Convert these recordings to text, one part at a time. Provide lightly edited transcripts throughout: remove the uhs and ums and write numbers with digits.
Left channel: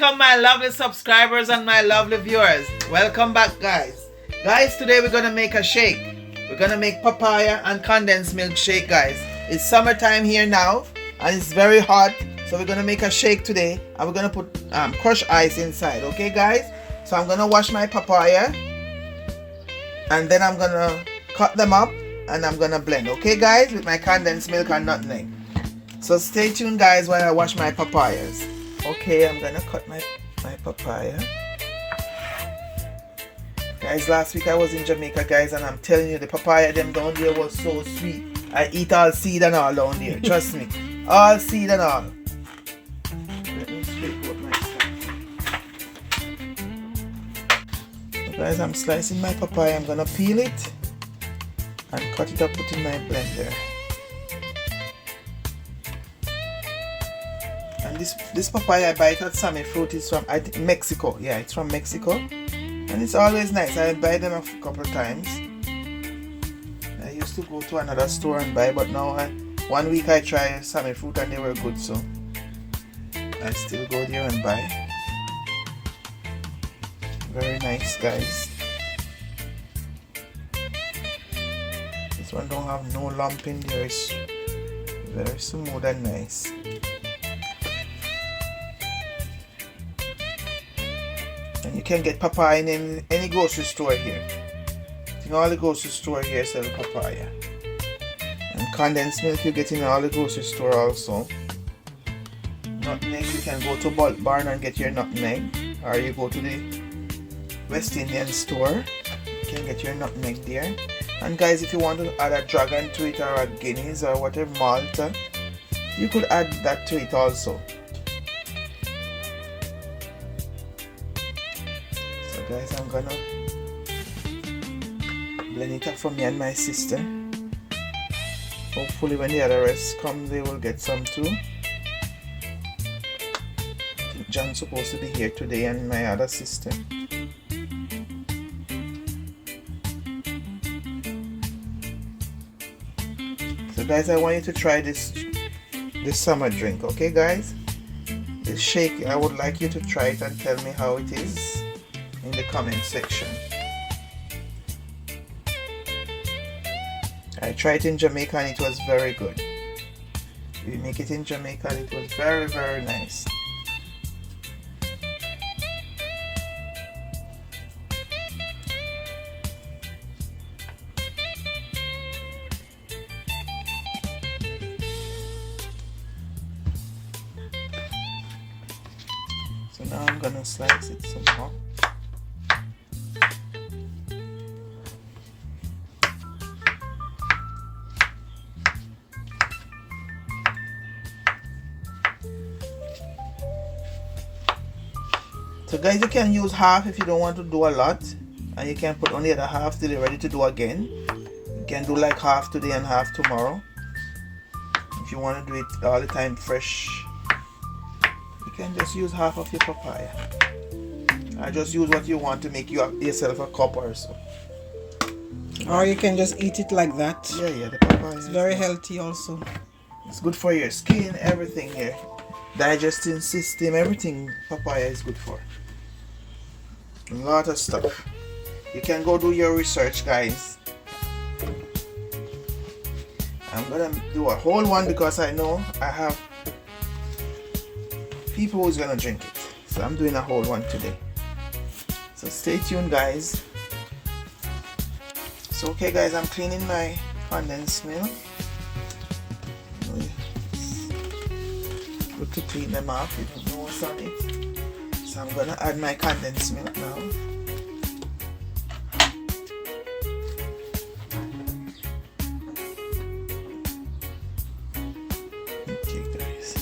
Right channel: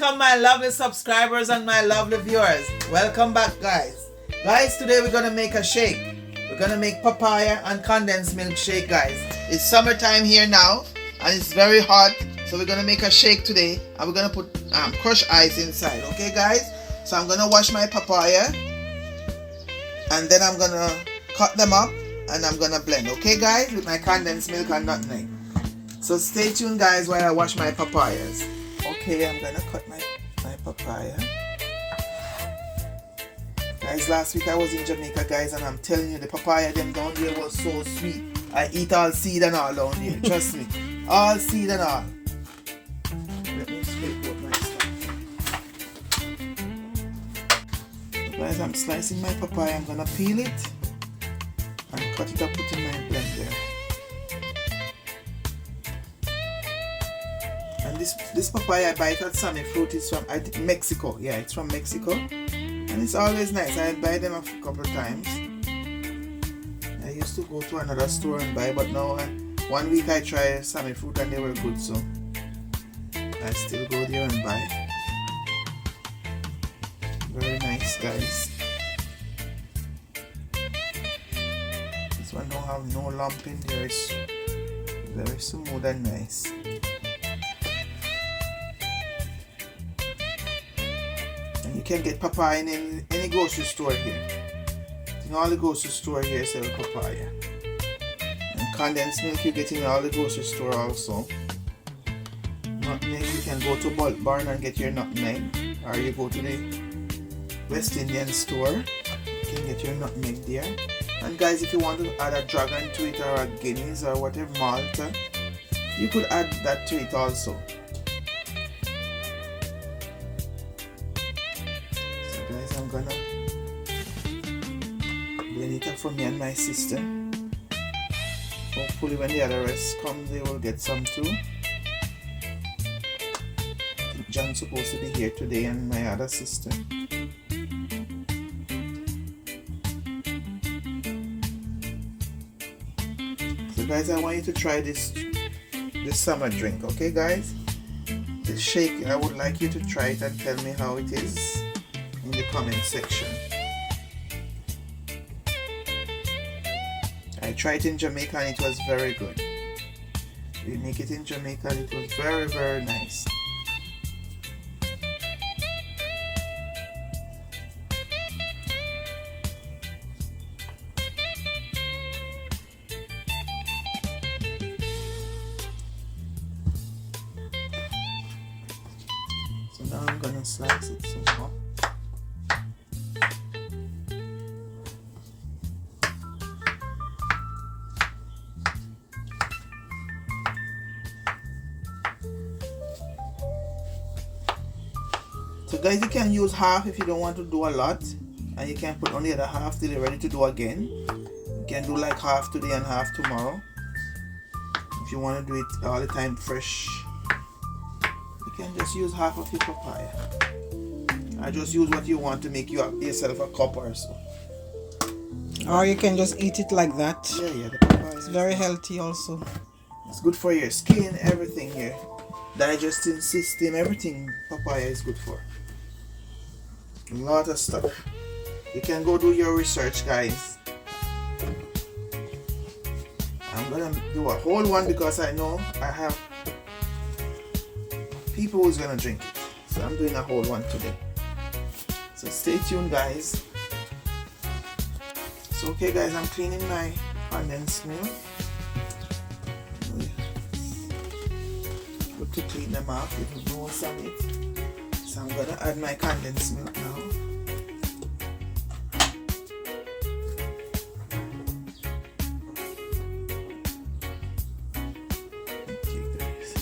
Welcome my lovely subscribers and my lovely viewers. Welcome back, guys. Guys, today we're gonna make a shake. We're gonna make papaya and condensed milk shake, guys. It's summertime here now and it's very hot, so we're gonna make a shake today and we're gonna put crushed ice inside. Okay, guys? So I'm gonna wash my papaya and then I'm gonna cut them up and I'm gonna blend. Okay, guys, with my condensed milk and nutmeg. So stay tuned, guys, while I wash my papayas. Okay, I'm gonna cut my papaya. Guys, last week I was in Jamaica, guys, and I'm telling you, the papaya them down there was so sweet. I eat all seed and all down there, trust me. All seed and all. Let me straight up my stuff. So guys, I'm slicing my papaya. I'm gonna peel it and cut it up, put in my blender. And this papaya I buy it at Sammy Fruit is from, I think, Mexico. Yeah, it's from Mexico. And it's always nice. I buy them a couple of times. I used to go to another store and buy, but now one week I tried Sammy Fruit and they were good, so I still go there and buy. Very nice, guys. This one don't have no lump in there. It's very smooth and nice. You can get papaya in any grocery store here. In all the grocery store here sell papaya. And condensed milk you get in all the grocery store also. Nutmeg, you can go to Bulk Barn and get your nutmeg. Or you go to the West Indian store. You can get your nutmeg there. And guys, if you want to add a dragon to it or a Guinness or whatever Malta, you could add that to it also. Guys, I'm gonna blend it up for me and my sister. Hopefully when the other rest come, they will get some too. John's supposed to be here today and my other sister. So guys, I want you to try this summer drink, okay guys? The shake, I would like you to try it and tell me how it is in the comment section. I tried it in Jamaica and it was very good. We make it in Jamaica and it was very, very nice. So now I'm gonna slice it some more. So guys, you can use half if you don't want to do a lot, and you can put on the other half till you're ready to do again. You can do like half today and half tomorrow. If you want to do it all the time fresh, you can just use half of your papaya. I just use what you want to make yourself a cup or so. Or you can just eat it like that. Yeah, the papaya is very healthy also. It's good for your skin, everything here. Digesting system, everything papaya is good for. A lot of stuff. You can go do your research, guys. I'm gonna do a whole one because I know I have people who's gonna drink it. So I'm doing a whole one today. So stay tuned, guys. So okay guys, I'm cleaning my condensed milk. To clean them off with the most on it. So I'm gonna add my condensed milk now. Okay guys,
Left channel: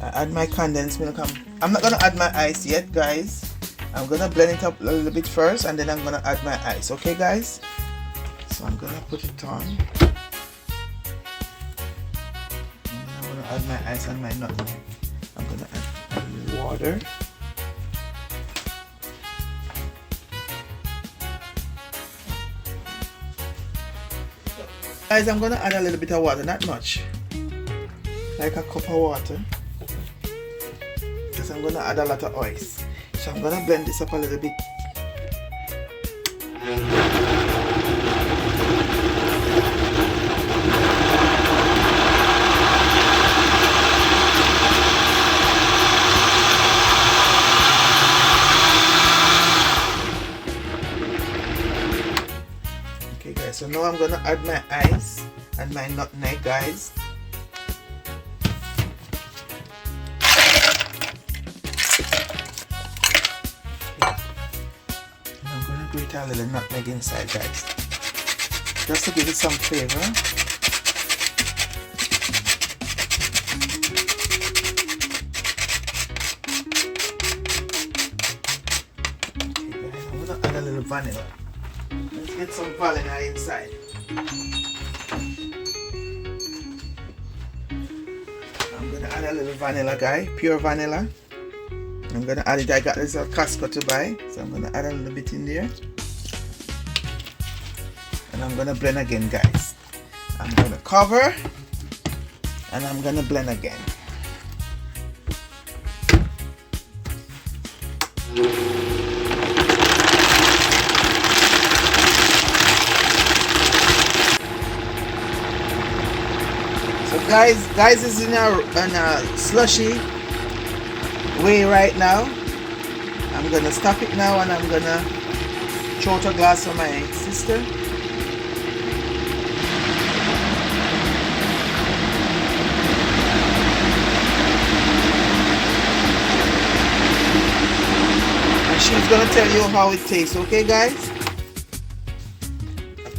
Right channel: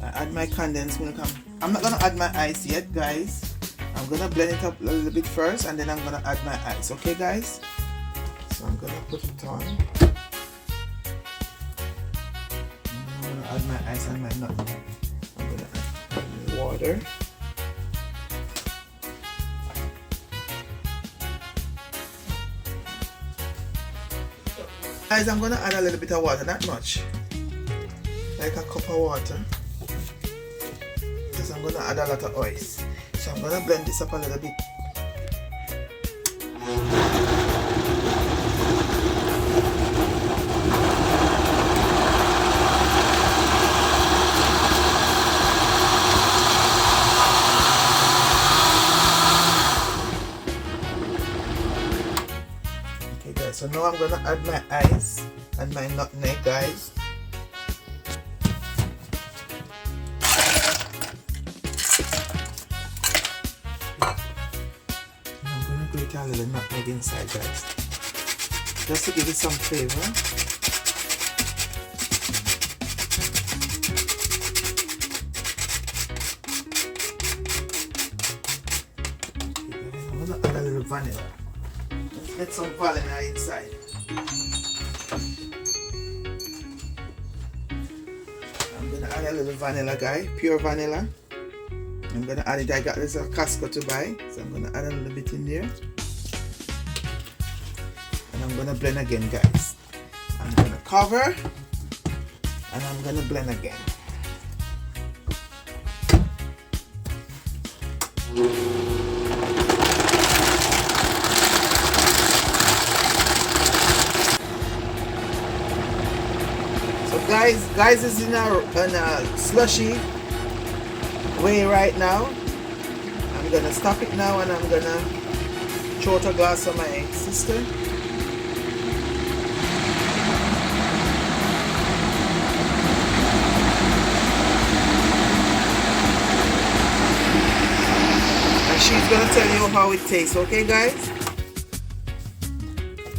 I add my condensed milk. I'm not gonna add my ice yet, guys. I'm gonna blend it up a little bit first and then I'm gonna add my ice. Okay guys, so I'm gonna put it on. Add my ice and my nutmeg. I'm gonna add water. Guys, I'm gonna add a little bit of water, not much. Like a cup of water. because I'm gonna add a lot of oils. So I'm gonna blend this up a little bit. Okay guys, so now I'm gonna add my ice and my nutmeg, guys. Grate a little nutmeg inside, guys, just to give it some flavor. Okay, guys, I'm gonna add a little vanilla. Let's get some vanilla inside. I'm gonna add a little vanilla, guys, pure vanilla. I'm gonna add it. I got this at Costco to buy, so I'm gonna add a little bit in there, and I'm gonna blend again, guys. I'm gonna cover, and I'm gonna blend again. So guys is in a slushy way right now. I'm gonna stop it now, and I'm gonna throw out a glass for my sister. And she's gonna tell you how it tastes, okay guys?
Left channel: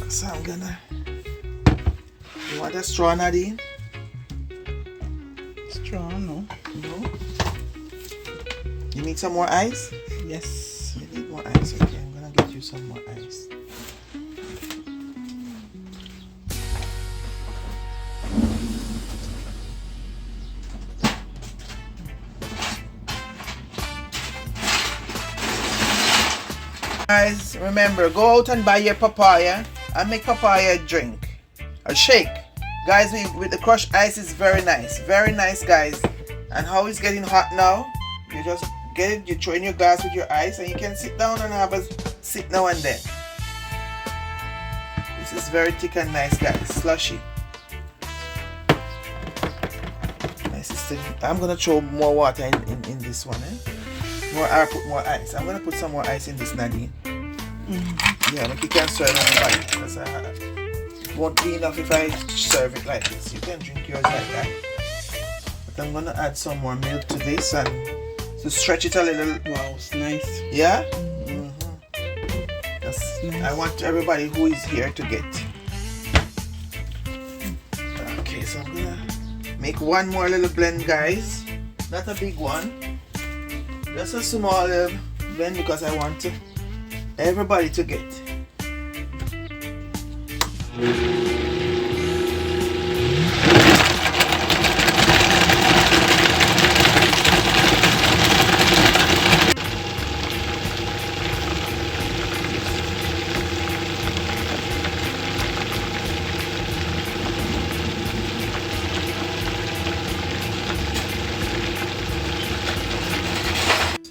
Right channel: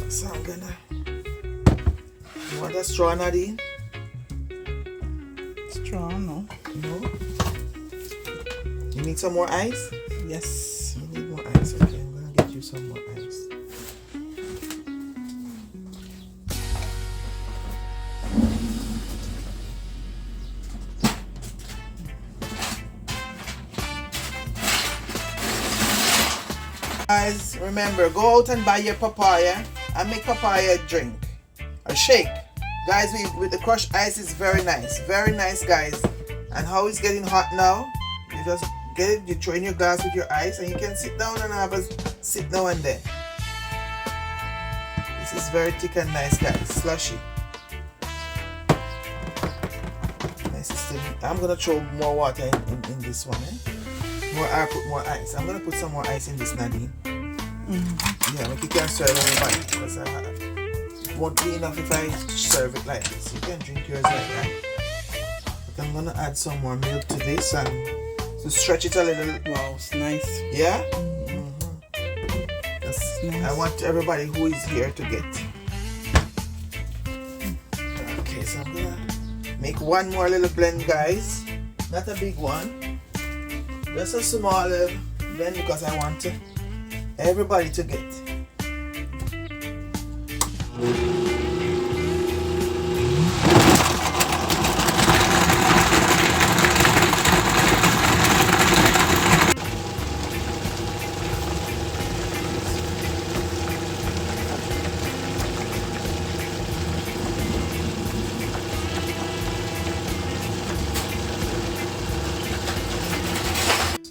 So I'm gonna, you want a straw, Nadine? Straw, no. No? You need some more ice? Yes. You need more ice, okay. I'm gonna get you some more ice. Guys, remember, go out and buy your papaya and make papaya drink. A shake. Guys, with the crushed ice is very nice, guys. And how it's getting hot now, you just get it, you throw in your glass with your ice, and you can sit down and have a sip now and then. This is very thick and nice, guys, slushy. My sister, I'm gonna throw more water in this one, I put more ice. I'm gonna put some more ice in this, Nadine. Yeah, like you can stir it on the bottom, because it won't be enough if I serve it like this. You can drink yours like that. But I'm gonna add some more milk to this and to stretch it a little. Wow, it's nice. Yeah? That's nice. I want everybody who is here to get. Okay, so I'm gonna make one more little blend, guys. Not a big one. Just a small blend, because I want everybody to get.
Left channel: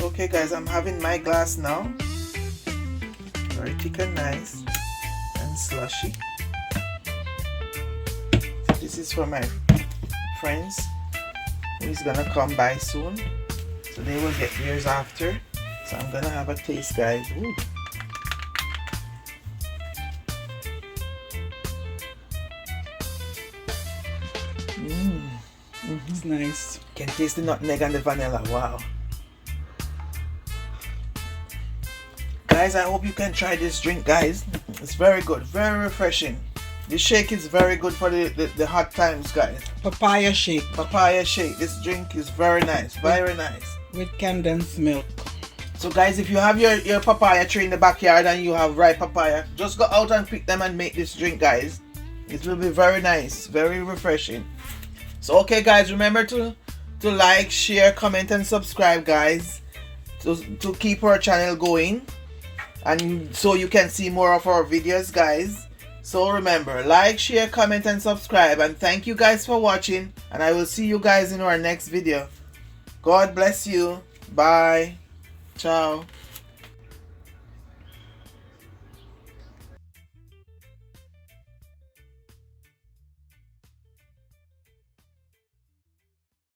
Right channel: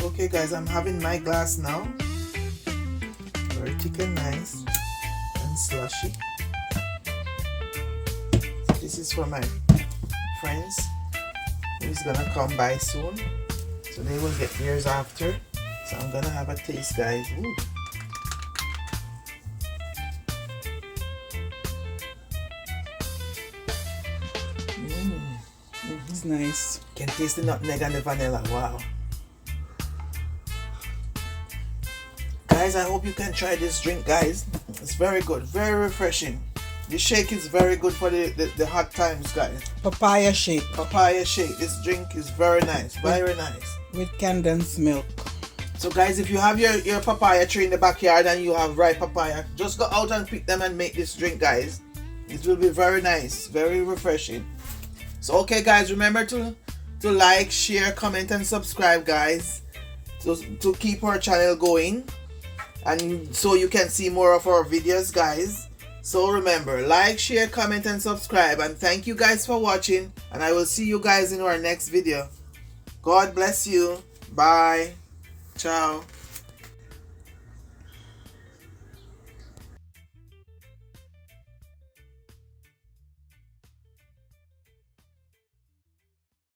Okay guys, I'm having my glass now. Very thick and nice and slushy. This is for my friends who's gonna come by soon, so they will get theirs after. So I'm gonna have a taste, guys. Ooh. It's nice. Can taste the nutmeg and the vanilla. Wow. Guys, I hope you can try this drink, guys. It's very good, very refreshing. This shake is very good for the hot times, guys. Papaya shake Papaya shake. This drink is very nice, very nice. with condensed milk. So guys, if you have your papaya tree in the backyard and you have ripe papaya, just go out and pick them and make this drink, guys. It will be very nice, very refreshing. So okay guys, remember to like, share, comment and subscribe, guys, to keep our channel going, and so you can see more of our videos, guys. So remember, like, share, comment and subscribe, and thank you guys for watching, and I will see you guys in our next video. God bless you. Bye. Ciao.